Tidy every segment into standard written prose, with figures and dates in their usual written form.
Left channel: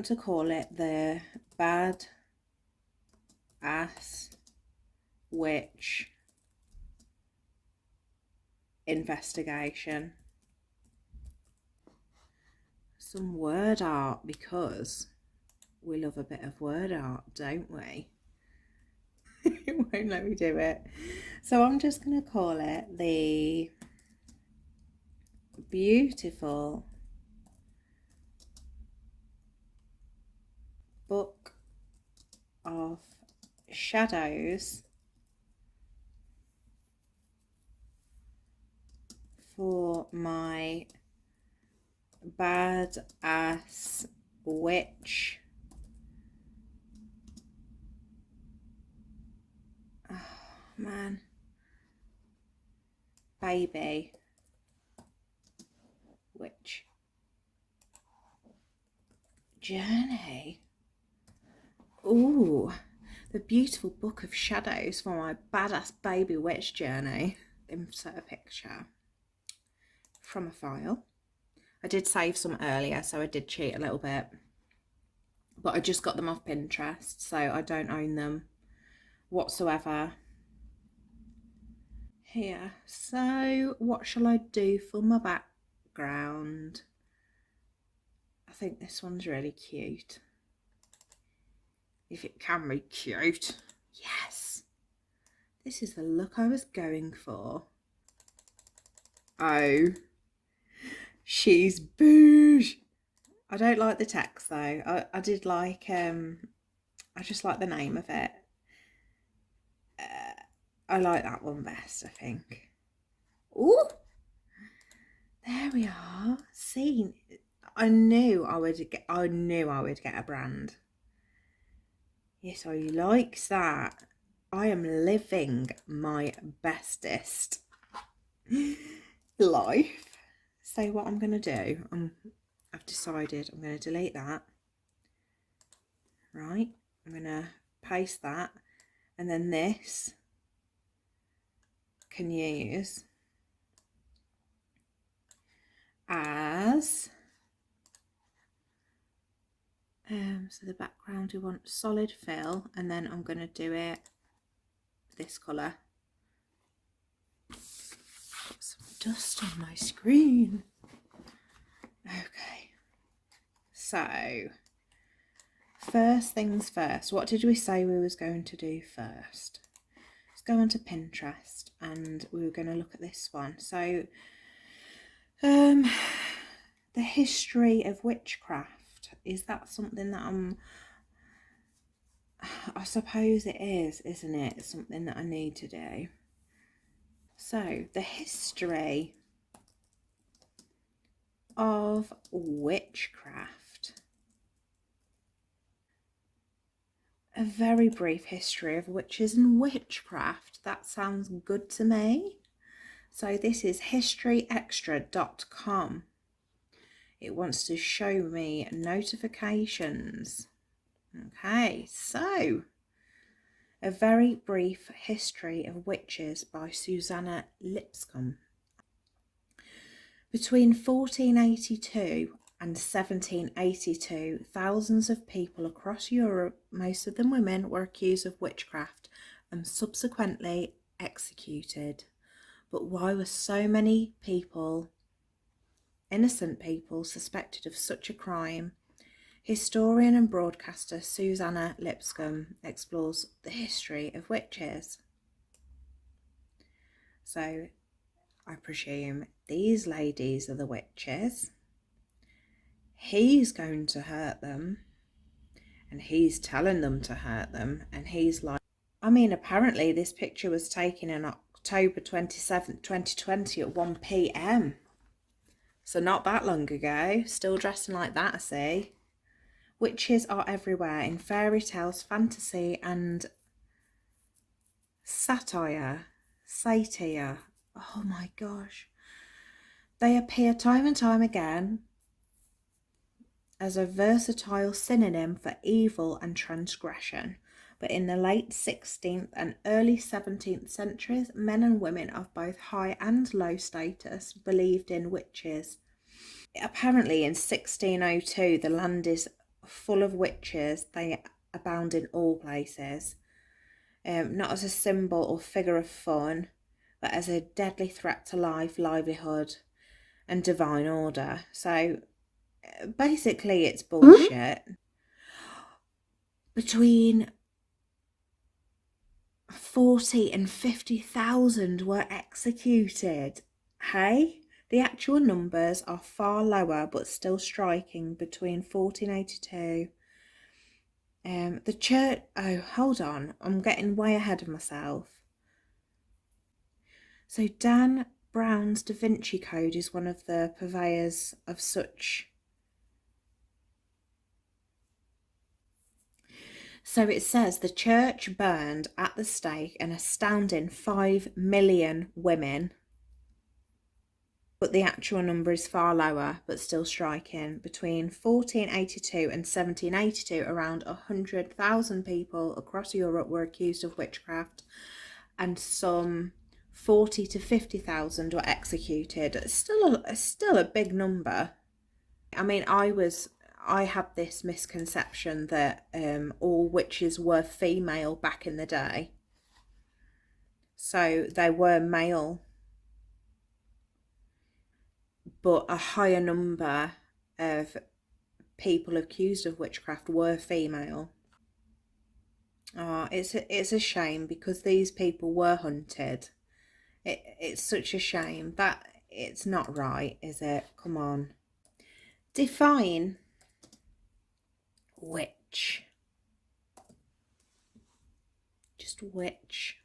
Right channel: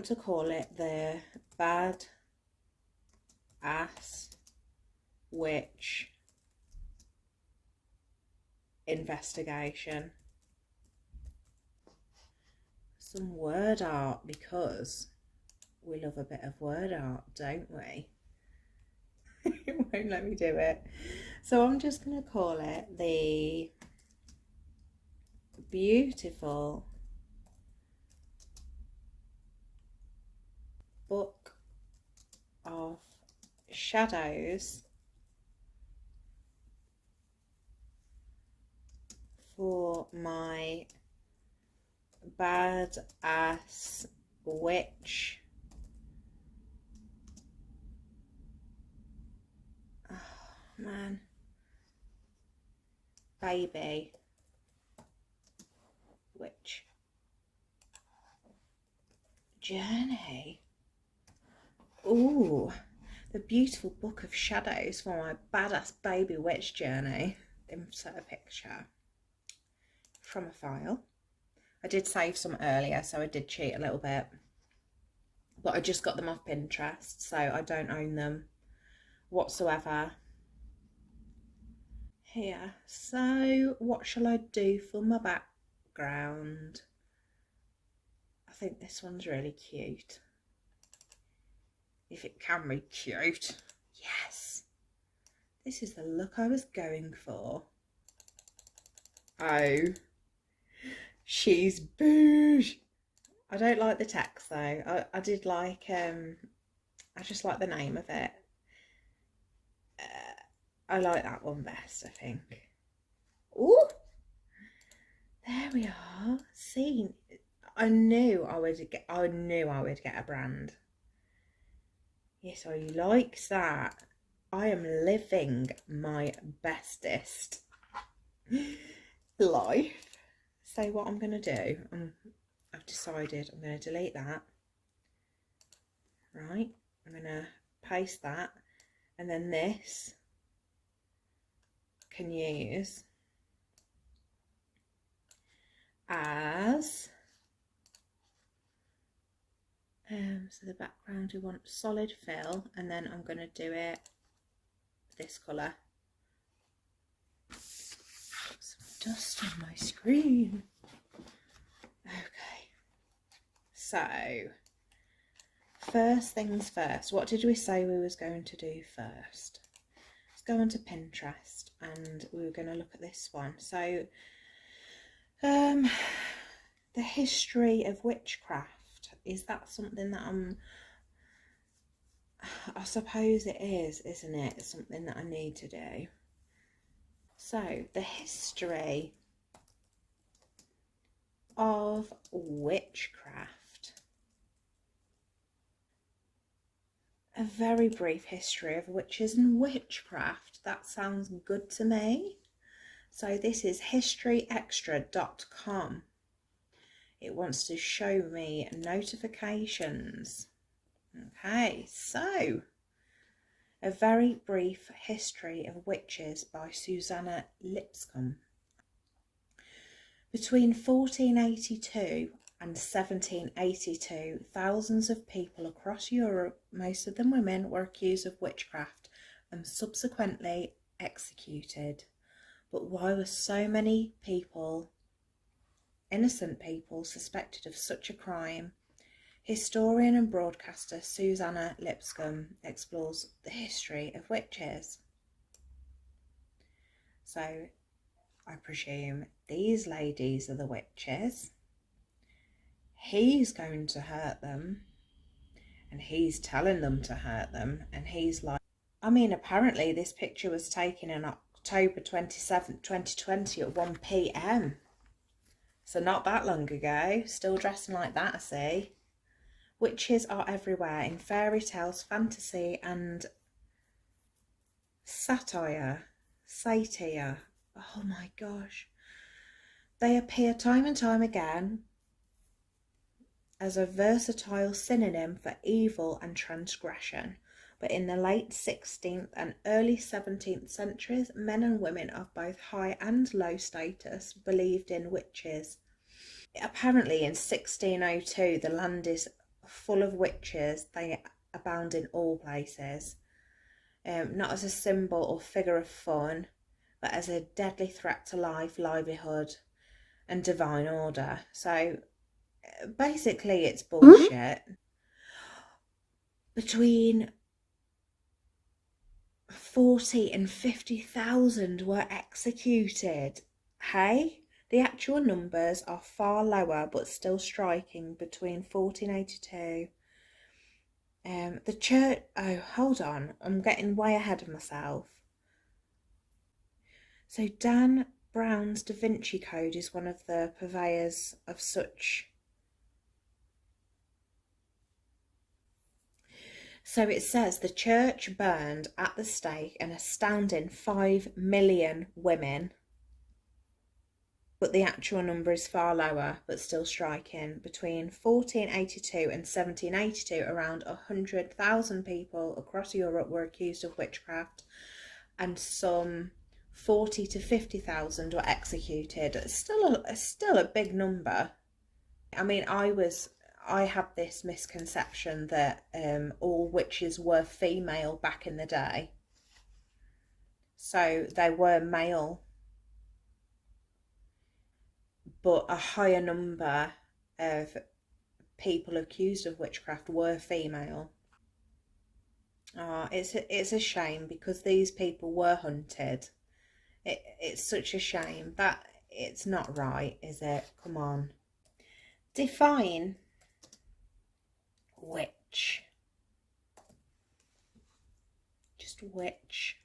want to call it the Bad Ass Witch Investigation. Some word art, because we love a bit of word art, don't we? It won't let me do it. So I'm just going to call it the Beautiful Book of Shadows for my bad ass witch. Oh man. Baby witch journey. Ooh, the Beautiful Book of Shadows for my badass baby witch journey. Insert a picture from a file. I did save some earlier, so I did cheat a little bit, but I just got them off Pinterest, so I don't own them whatsoever. Here, so what shall I do for my background? I think this one's really cute. If it can be cute. Yes, this is the look I was going for. Oh, she's boosh. I don't like the text though. I did like I just like the name of it. I like that one best, I think. Ooh, there we are. See, I knew I would get a brand. Yes, I likes that. I am living my bestest life. So what I'm gonna do, I've decided I'm gonna delete that. Right, I'm gonna paste that, and then this can use as so the background, we want solid fill, and then I'm going to do it this colour. Put some dust on my screen. Okay, so first things first, what did we say we was going to do first? Let's go onto Pinterest and we were going to look at this one. So the history of witchcraft, is that something that I suppose it is, isn't it? It's something that I need to do. So the history of witchcraft. A very brief history of witches and witchcraft. That sounds good to me. So this is historyextra.com. It wants to show me notifications. Okay, so a very brief history of witches by Susanna Lipscomb. Between 1482 and 1782, thousands of people across Europe, most of them women, were accused of witchcraft and subsequently executed. But why were so many people, innocent people, suspected of such a crime? Historian and broadcaster Susanna Lipscomb explores the history of witches. So I presume these ladies are the witches. He's going to hurt them, and he's telling them to hurt them, and he's like, I mean, apparently this picture was taken on October 27th, 2020 at 1 p.m. So not that long ago. Still dressing like that, I see. Witches are everywhere in fairy tales, fantasy, and satire. Oh my gosh. They appear time and time again as a versatile synonym for evil and transgression. But in the late 16th and early 17th centuries, men and women of both high and low status believed in witches. Apparently in 1602, the Landis full of witches. They abound in all places, not as a symbol or figure of fun, but as a deadly threat to life, livelihood, and divine order. So basically, it's bullshit. Between 40 and 50,000 were executed. Hey? The actual numbers are far lower, but still striking, between 1482. The church... Oh, hold on. I'm getting way ahead of myself. So Dan Brown's Da Vinci Code is one of the purveyors of such... So it says the church burned at the stake an astounding 5 million women. But the actual number is far lower, but still striking. Between 1482 and 1782, around 100,000 people across Europe were accused of witchcraft, and some 40 to 50,000 were executed. It's still a big number. I mean, I had this misconception that all witches were female back in the day. So they were male, but a higher number of people accused of witchcraft were female. Oh, it's a shame, because these people were hunted. It's such a shame. That it's not right, is it? Come on. Define witch. Just witch.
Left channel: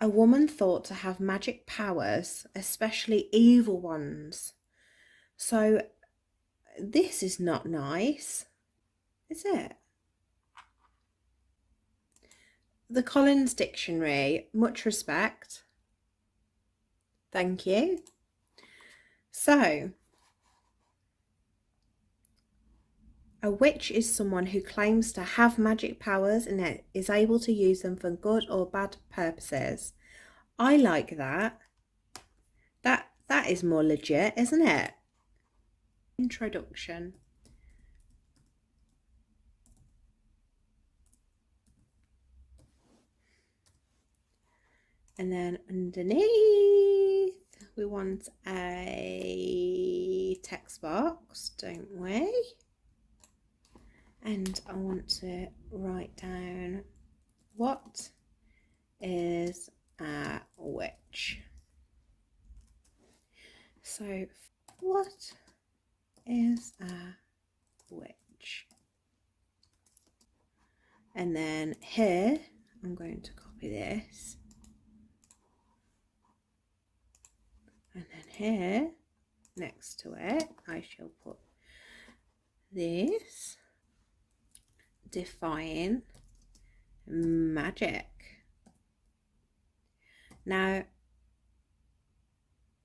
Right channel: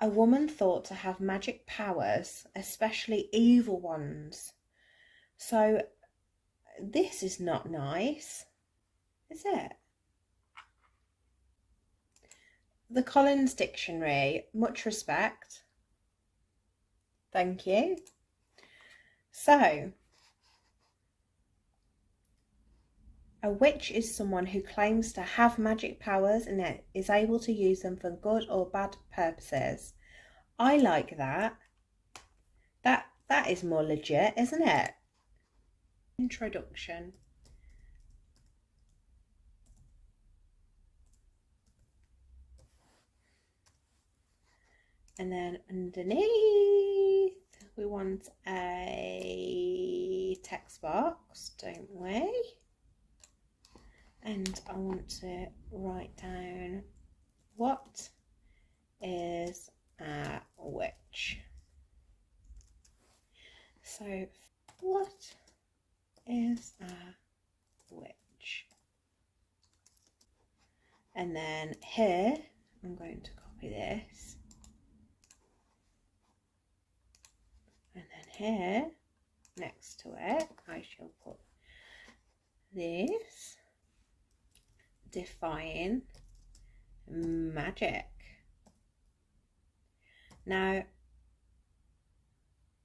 A woman thought to have magic powers, especially evil ones. So this is not nice, is it? The Collins Dictionary, much respect. Thank you. So, a witch is someone who claims to have magic powers and is able to use them for good or bad purposes. I like that. That is more legit, isn't it? Introduction. And then underneath, we want a text box, don't we? And I want to write down, what is a witch? So, what is a witch? And then here, I'm going to copy this. And then here, next to it, I shall put this. Define magic. Now,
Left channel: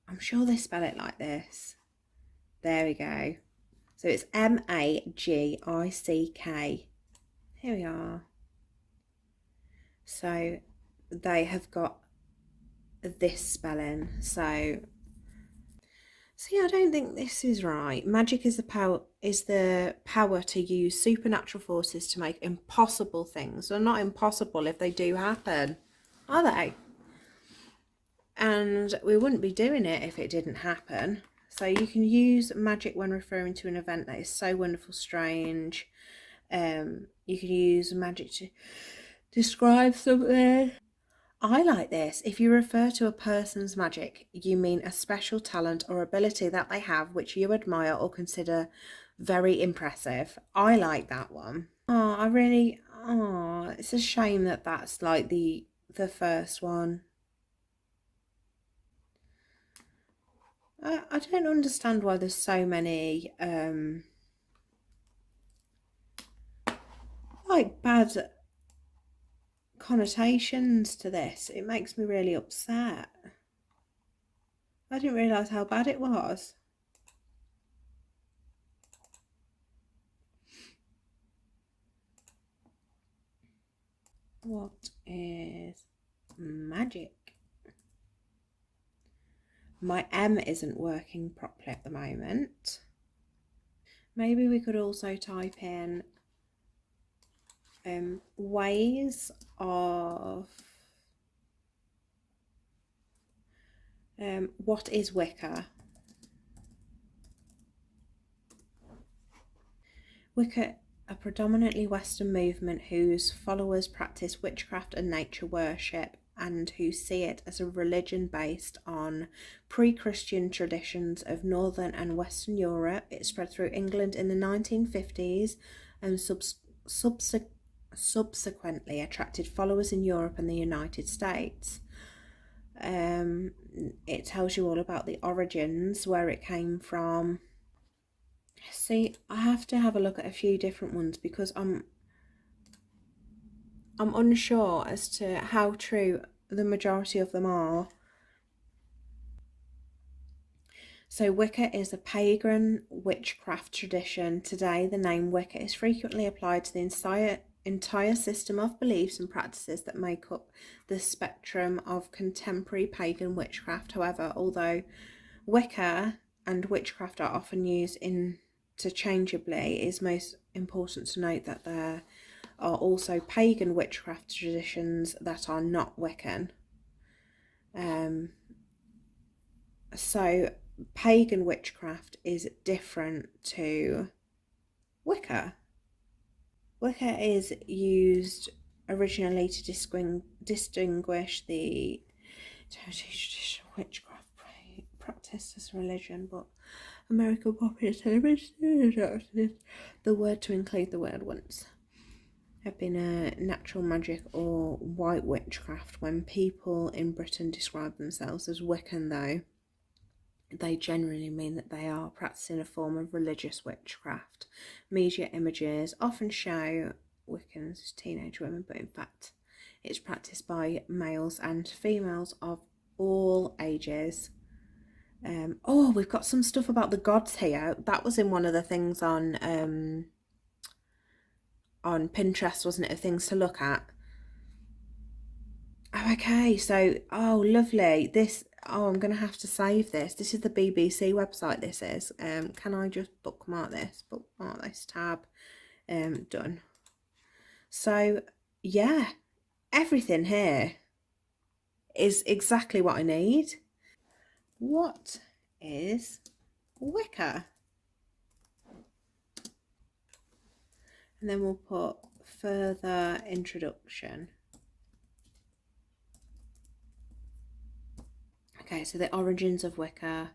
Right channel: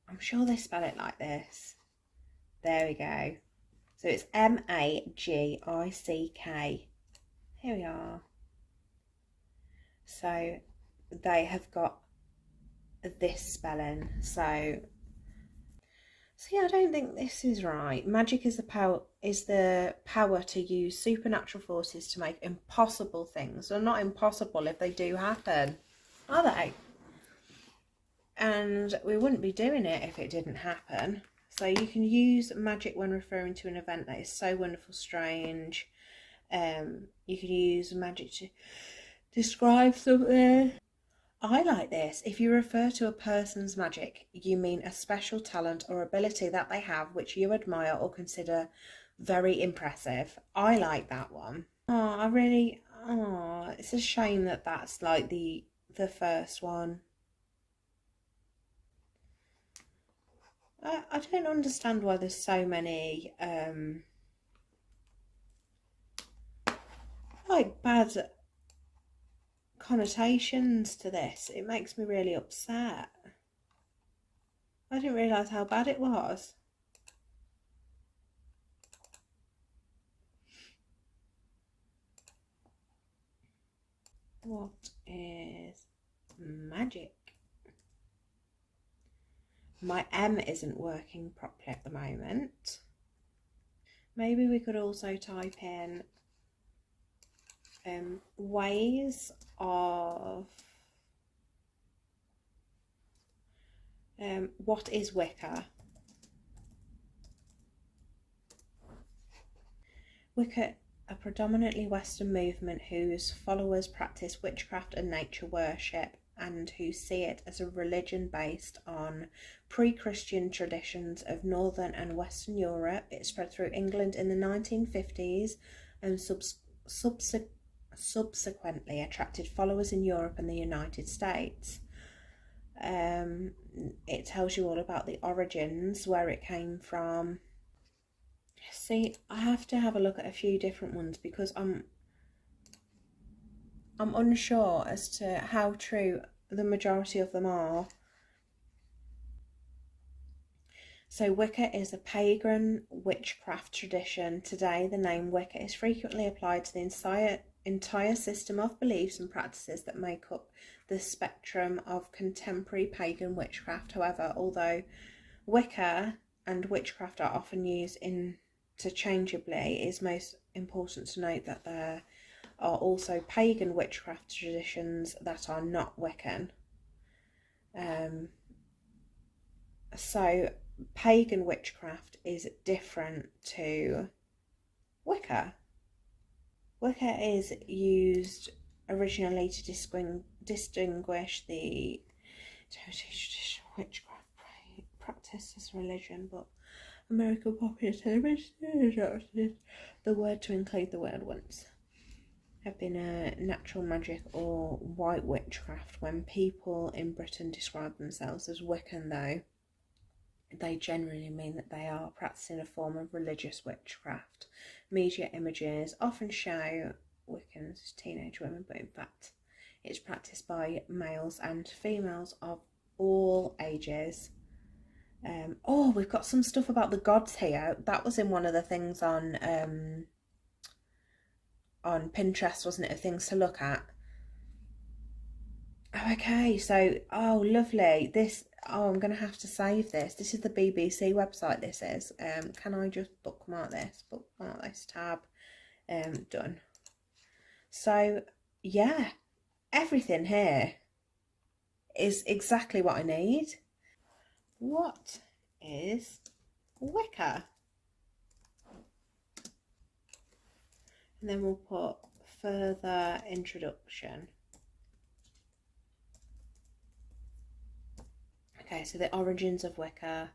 I'm sure they spell it like this. There we go. So it's M-A-G-I-C-K. Here we are. So they have got this spelling. So yeah, I don't think this is right. Magic is the power to use supernatural forces to make impossible things. They're not impossible if they do happen, are they? And we wouldn't be doing it if it didn't happen. So you can use magic when referring to an event that is so wonderful, strange. You can use magic to describe something. I like this. If you refer to a person's magic, you mean a special talent or ability that they have which you admire or consider very impressive. I like that one. It's a shame that that's like the first one. I don't understand why there's so many like bad connotations to this. It makes me really upset. I didn't realise how bad it was. What is magic? My M isn't working properly at the moment. Maybe we could also type in ways of what is Wicca? Wicca, a predominantly Western movement whose followers practice witchcraft and nature worship, and who see it as a religion based on pre-Christian traditions of Northern and Western Europe. It spread through England in the 1950s and subsequently attracted followers in Europe and the United States. It tells you all about the origins, where it came from. See, I have to have a look at a few different ones because I'm unsure as to how true the majority of them are. So Wicca is a pagan witchcraft tradition. Today, the name Wicca is frequently applied to the entire system of beliefs and practices that make up the spectrum of contemporary pagan witchcraft. However, although Wicca and witchcraft are often used interchangeably, it is most important to note that there are also pagan witchcraft traditions that are not Wiccan. So pagan witchcraft is different to Wicca. Wicca is used originally to distinguish the traditional witchcraft practice as religion, but American popular television adopted the word to include the word once. Have been a natural magic or white witchcraft. When people in Britain describe themselves as Wiccan, though, they generally mean that they are practicing a form of religious witchcraft. Media images often show Wiccans as teenage women, but in fact it's practiced by males and females of all ages. Oh, we've got some stuff about the gods here. That was in one of the things on Pinterest, wasn't it, of things to look at? Oh, okay, so, oh, lovely. I'm going to have to save this. This is the BBC website, this is. Can I just bookmark this tab? Done. So, yeah, everything here is exactly what I need. What is Wicca? And then we'll put further introduction. Okay, so the origins of Wicca.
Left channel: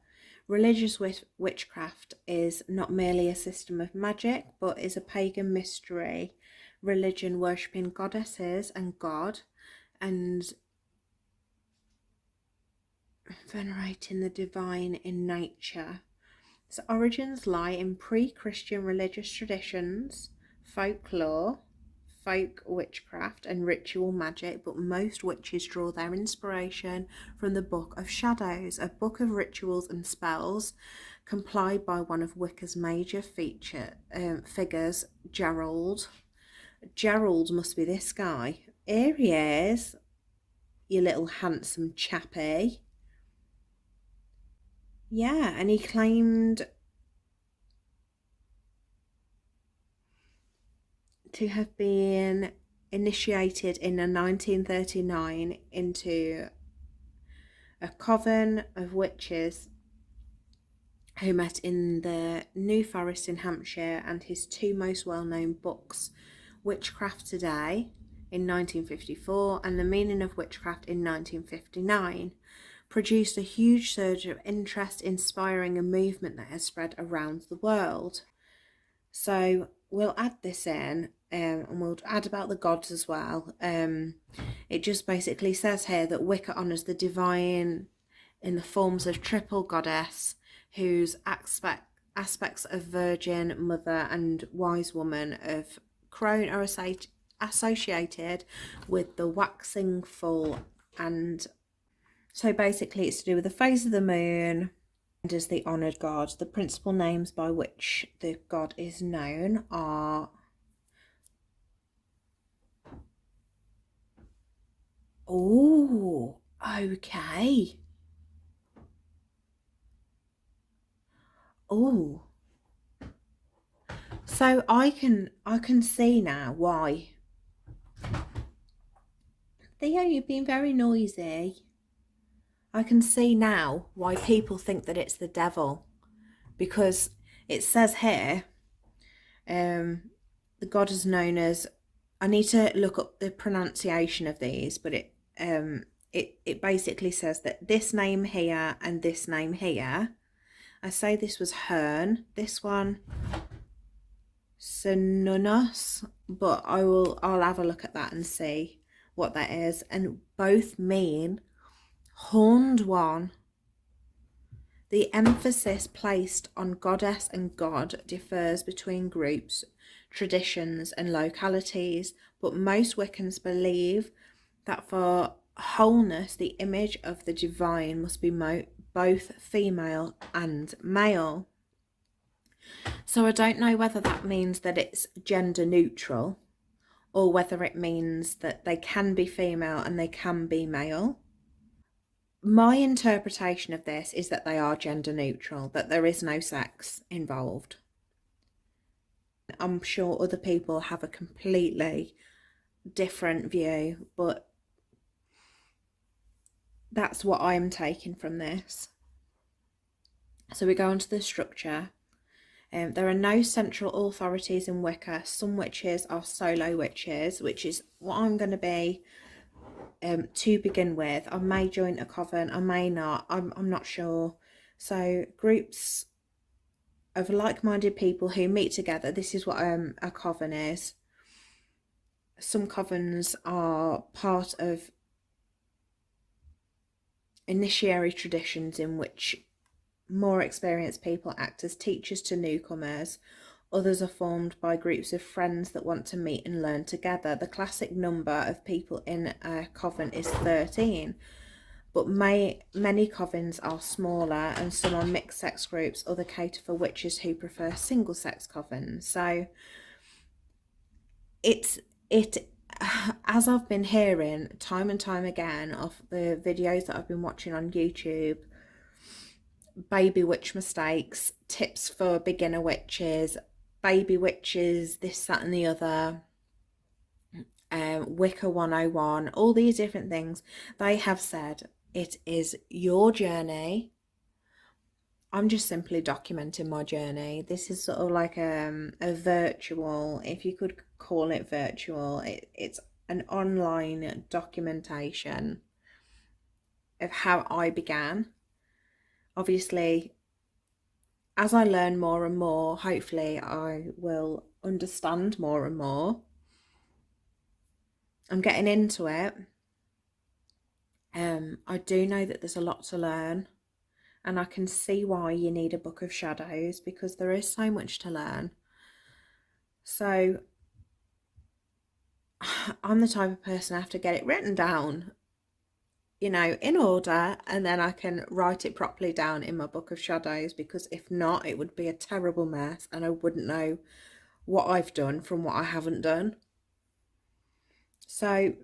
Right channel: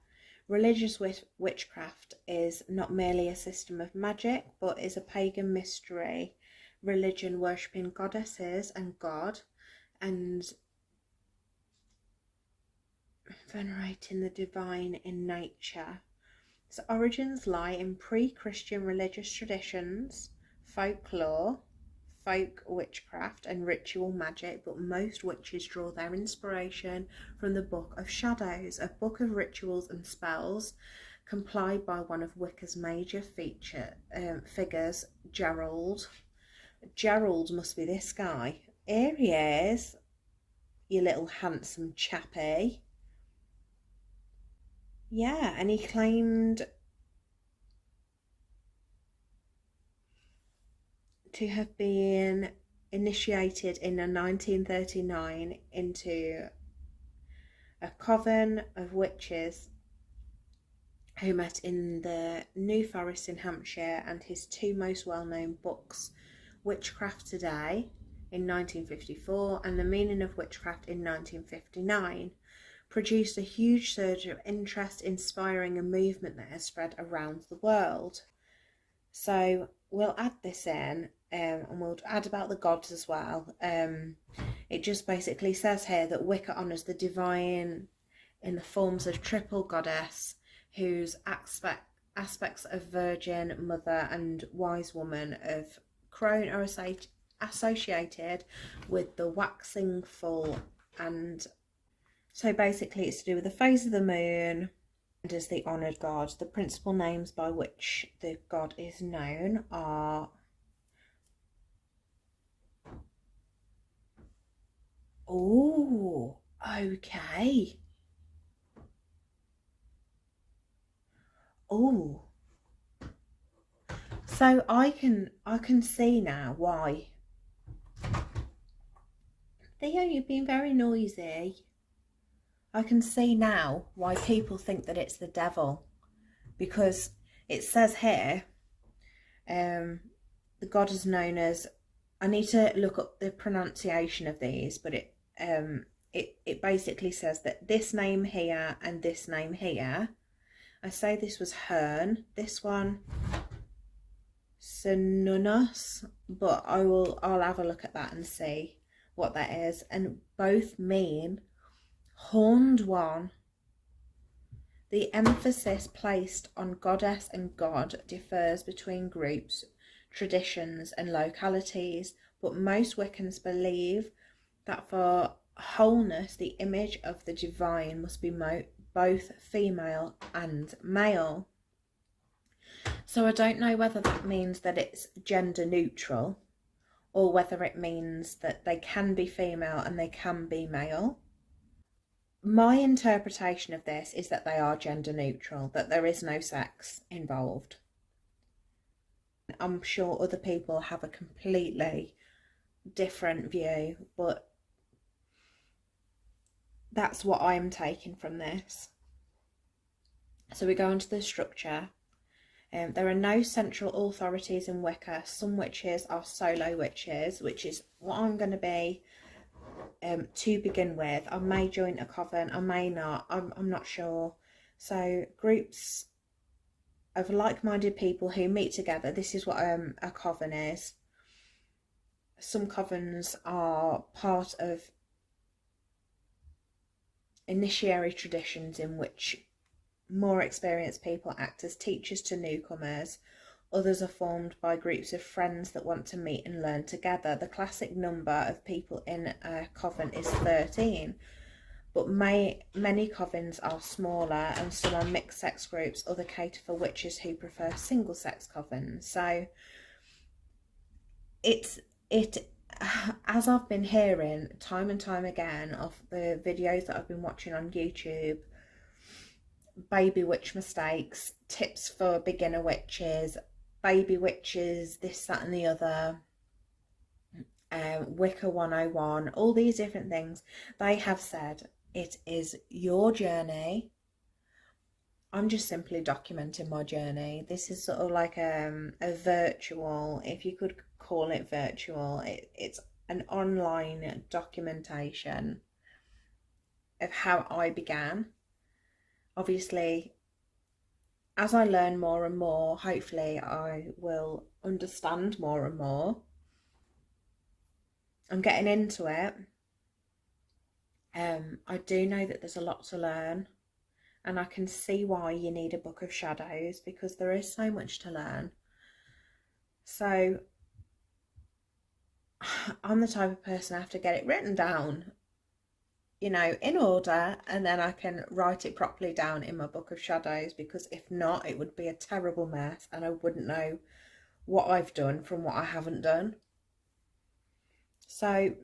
Religious witchcraft is not merely a system of magic, but is a pagan mystery religion worshipping goddesses and God, and venerating the divine in nature. Its origins lie in pre-Christian religious traditions, folklore, folk witchcraft and ritual magic, but most witches draw their inspiration from the Book of Shadows, a book of rituals and spells compiled by one of Wicca's major figures, Gerald. Gerald must be this guy. Here he is, you little handsome chappy. Yeah, and he claimed to have been initiated in 1939 into a coven of witches who met in the New Forest in Hampshire, and his two most well-known books, Witchcraft Today in 1954 and The Meaning of Witchcraft in 1959, produced a huge surge of interest, inspiring a movement that has spread around the world. So we'll add this in, and we'll add about the gods as well. It just basically says here that Wicca honours the divine in the forms of triple goddess, whose aspects of virgin, mother and wise woman of crone are associated with the waxing full. And so basically it's to do with the phase of the moon and as the honoured god. The principal names by which the god is known are oh, okay. Oh, So I can see now why. Theo, you've been very noisy. I can see now why people think that it's the devil, because it says here, the god is known as. I need to look up the pronunciation of these, but it basically says that this name here and this name here. I say this was Hern. This one, Synonus, but I'll have a look at that and see what that is. And both mean horned one. The emphasis placed on goddess and god differs between groups, traditions, and localities, but most Wiccans believe that for wholeness, the image of the divine must be both female and male. So I don't know whether that means that it's gender neutral, or whether it means that they can be female and they can be male. My interpretation of this is that they are gender neutral, that there is no sex involved. I'm sure other people have a completely different view, but that's what I'm taking from this. So we go on to the structure. There are no central authorities in Wicca. Some witches are solo witches, which is what I'm going to be to begin with. I may join a coven, I may not, I'm not sure. So groups of like-minded people who meet together, this is what a coven is. Some covens are part of initiatory traditions in which more experienced people act as teachers to newcomers. Others are formed by groups of friends that want to meet and learn together. The classic number of people in a coven is 13, but many covens are smaller, and some are mixed sex groups. Other cater for witches who prefer single sex covens. So it as I've been hearing time and time again of the videos that I've been watching on YouTube, baby witch mistakes, tips for beginner witches, baby witches, this, that and the other, Wicca 101, all these different things, they have said it is your journey. I'm just simply documenting my journey. This is sort of like a virtual, if you could call it virtual, it's an online documentation of how I began. Obviously, as I learn more and more, hopefully I will understand more and more. I'm getting into it. I do know that there's a lot to learn, and I can see why you need a book of shadows, because there is so much to learn. So I'm the type of person I have to get it written down, you know, in order, and then I can write it properly down in my book of shadows, because if not, it would be a terrible mess and I wouldn't know what I've done from what I haven't done. So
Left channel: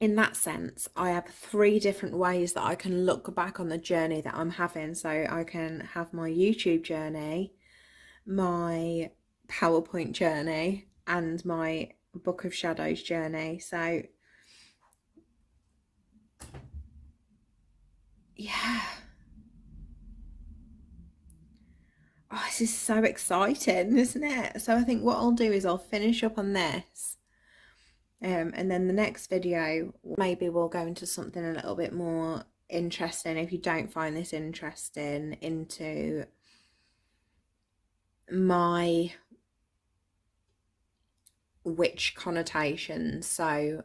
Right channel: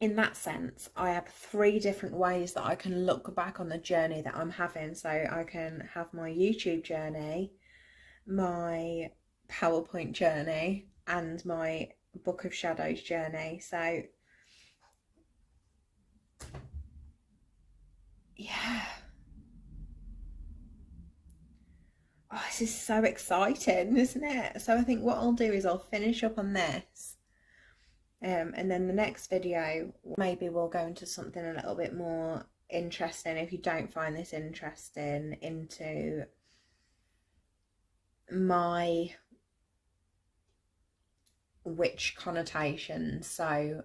in that sense, I have 3 different ways that I can look back on the journey that I'm having. So I can have my YouTube journey, my PowerPoint journey, and my Book of Shadows journey. So yeah, oh, this is so exciting, isn't it? So I think what I'll do is I'll finish up on this, and then the next video maybe we'll go into something a little bit more interesting, if you don't find this interesting, into my witch connotations. So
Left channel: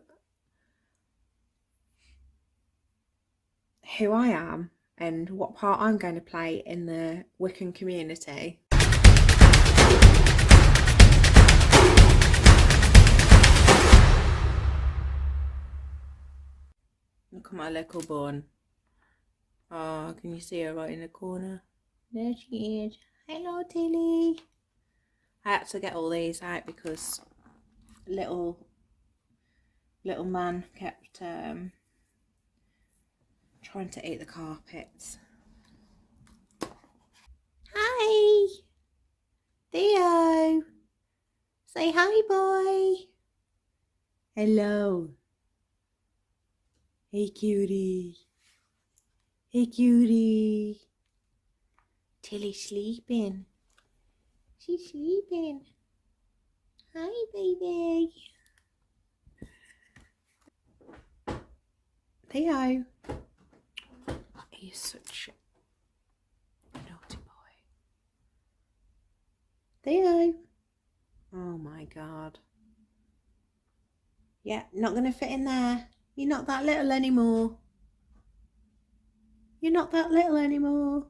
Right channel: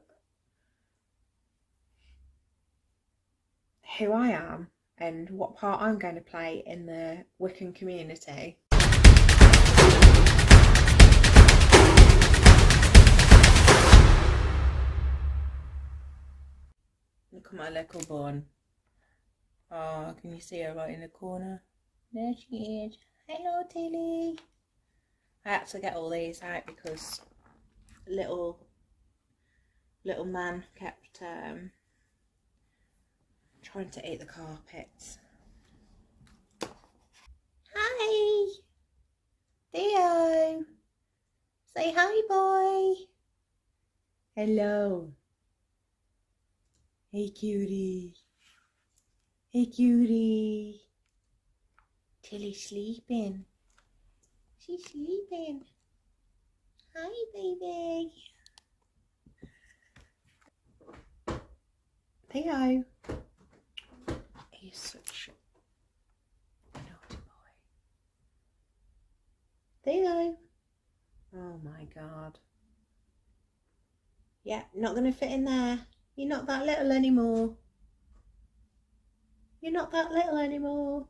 who I am and what part I'm going to play in the Wiccan community. Look at my little bun. Oh, can you see her right in the corner? There she is. Hello, Tilly. I had to get all these out because little man kept trying to eat the carpets. Hi. Theo, say hi, boy. Hello. Hey, cutie. Hey, cutie. Tilly's sleeping. She's sleeping. Hi, baby. Theo. He's such a naughty boy. Theo. Oh my God. Yeah, not going to fit in there. You're not that little anymore. You're not that little anymore.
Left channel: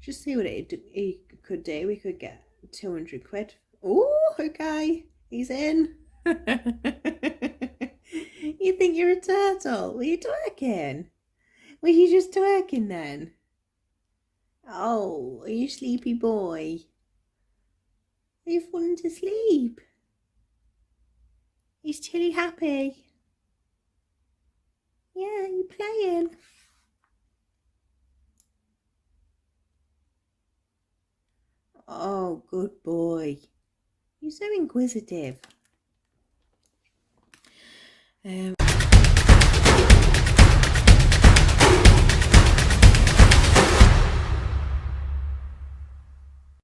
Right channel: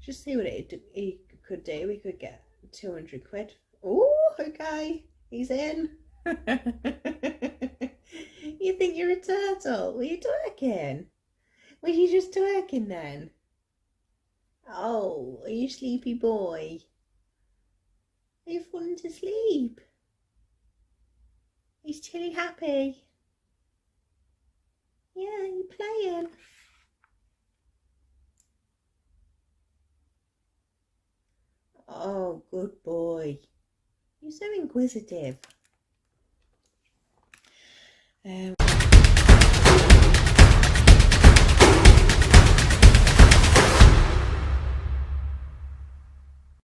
Just see what he could do. We could get 200 quid. Oh, okay. He's in. You think you're a turtle? Were you twerking? Were you just twerking then? Oh, are you sleepy boy? Are you falling to sleep? Is Tilly happy? Yeah, you playing? Oh, good boy. You're so inquisitive.